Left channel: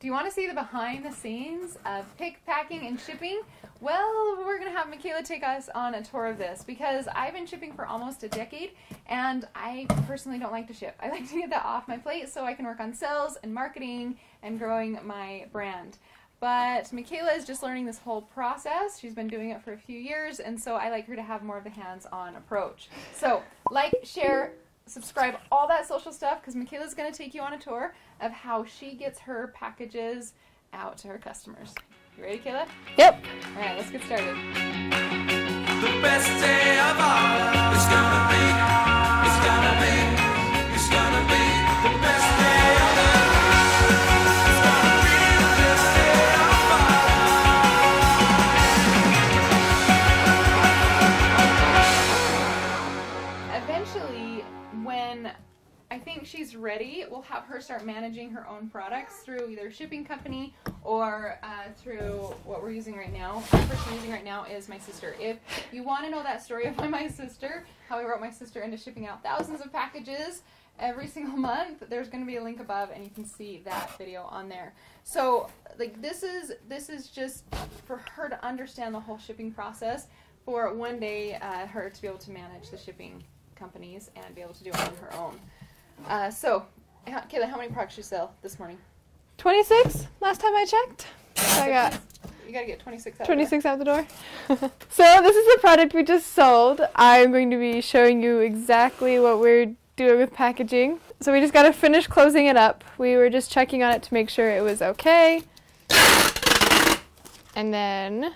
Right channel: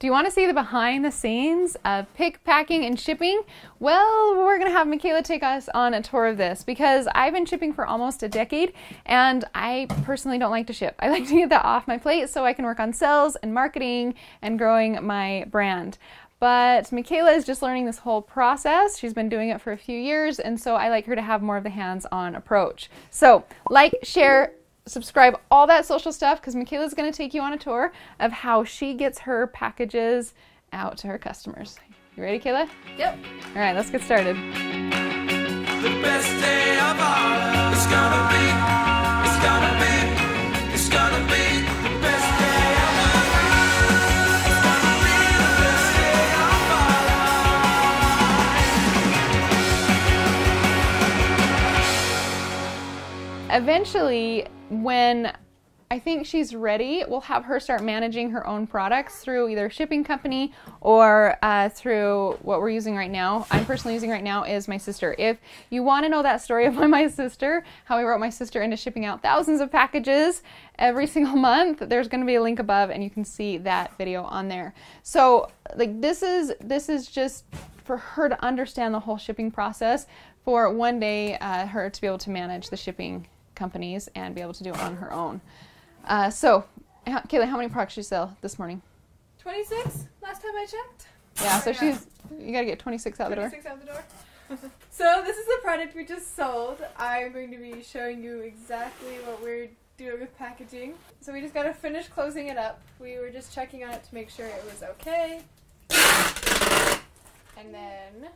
Do you want to see the behind the scenes of pick, packing, and shipping? Well, we're going to have Makayla take us on a tour of this because I've been shipping for almost a decade and I personally don't like to ship. I like to get that off my plate so I can work on sales and marketing and growing my brand. But Makayla is just learning this whole process. She's been doing it for a few years, and so I like her to have more of the hands-on approach. So like, share, subscribe, all that social stuff, because Makayla's going to take you on a tour of how she gets her packages out to her customers. You ready, Kayla? Yep. All right, let's get started. The best day of all is gonna be, it's gonna be, it's gonna be the best day of all. It's gonna be the best day of all. Eventually, when I think she's ready, we'll have her start managing her own products through either a shipping company or through what we're using right now. I'm personally using right now is my sister. If you want to know that story of my sister, how we wrote my sister into shipping out thousands of packages every single month, there's going to be a link above and you can see that video on there. So like this is just for her to understand the whole shipping process, for one day her to be able to manage the shipping companies and be able to do it on her own. So, Kayla, how many products you sell this morning? 26 last time I checked. Yeah, so you gotta get 26 out the door. 26 out the door. So this is the product we just sold. I'm going to be showing you exactly what we're doing with packaging. So we just gotta finish closing it up. We were just checking on it to make sure it was okay. And then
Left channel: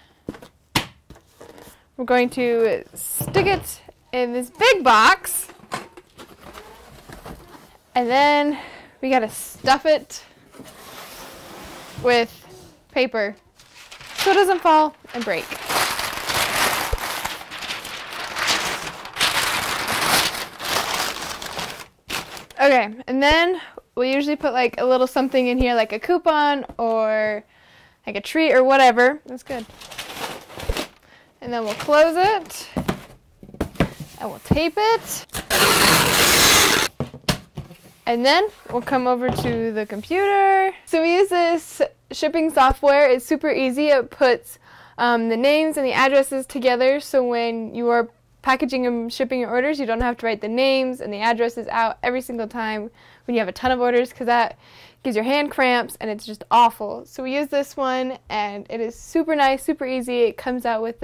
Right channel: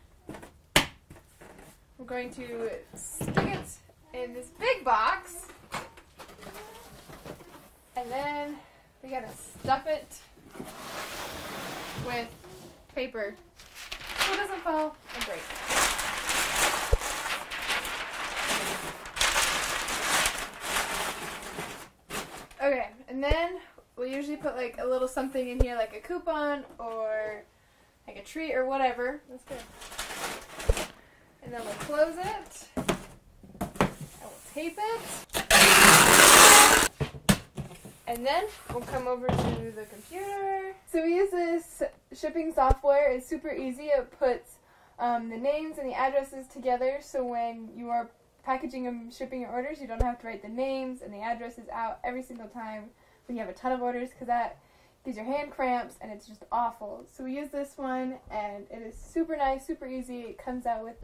we're going to stick it in this big box. And then we gotta stuff it with paper so it doesn't fall and break. Okay, and then we usually put like a little something in here, like a coupon or like a treat or whatever. That's good. And then we'll close it and we'll tape it. And then we'll come over to the computer. So we use this shipping software. It's super easy. It puts the names and the addresses together, so when you are packaging and shipping your orders, you don't have to write the names and the addresses out every single time when you have a ton of orders, because that gives your hand cramps and it's just awful. So we use this one and it is super nice, super easy. It comes out with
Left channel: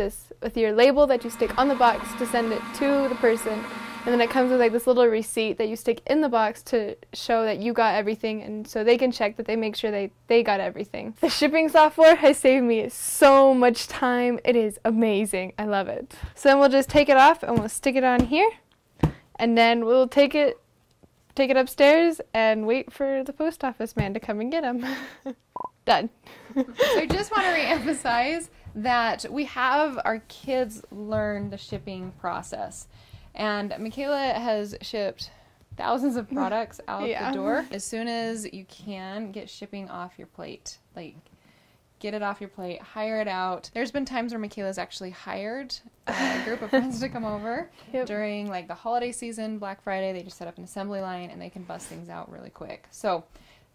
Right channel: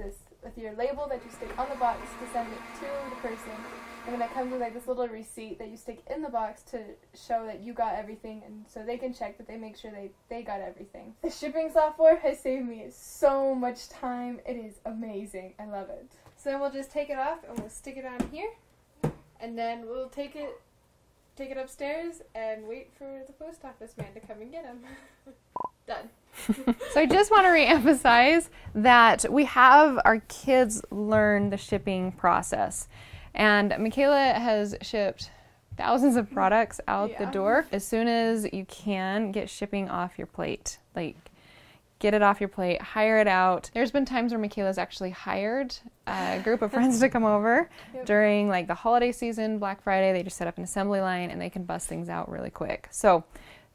your label that you stick on the box to send it to the person. And then it comes with like this little receipt that you stick in the box to show that you got everything, and so they can check that they make sure they got everything. The shipping software has saved me so much time. It is amazing. I love it. So then we'll just take it off and we'll stick it on here, and then we'll take it upstairs and wait for the post office man to come and get them. Done. So I just want to reemphasize that we have our kids learn the shipping process. And Makayla has shipped thousands of products out the door. As soon as you can, get shipping off your plate. Like, get it off your plate, hire it out. There's been times where Makayla's actually hired a group of friends to come over during like the holiday season, Black Friday. They just set up an assembly line and they can bust things out really quick. So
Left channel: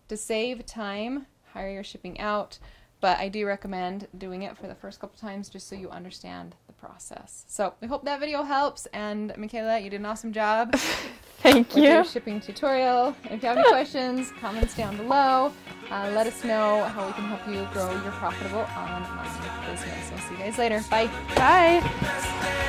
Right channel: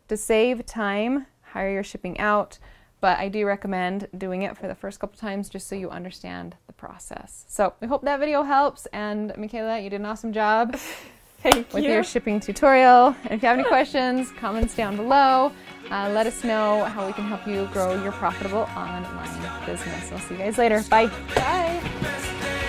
to save time, hire your shipping out. But I do recommend doing it for the first couple times just so you understand the process. So we hope that video helps, and Makayla, you did an awesome job. Thank you. With your shipping tutorial. And if you have any questions, comments down below. Let us know how we can help you grow your profitable online business. I'll see you guys later. Bye. Bye.